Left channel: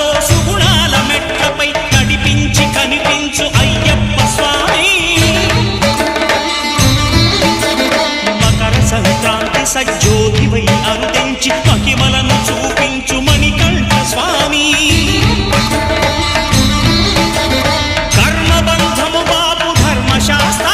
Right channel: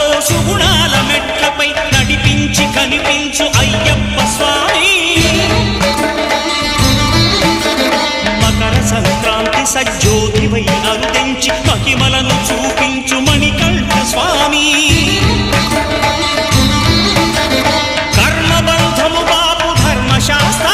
సుఖాలతో సుగుణాల మెట్లపై నడిపించి కనిపించు అయ్యప్ప స్వామి. మకర సంక్రాంతి సజ్జోతివై అరుదెంచి మహిమలను చూపించు మణికంఠ స్వామి. కర్మబంధము బాపు ధర్మశాస్త్ర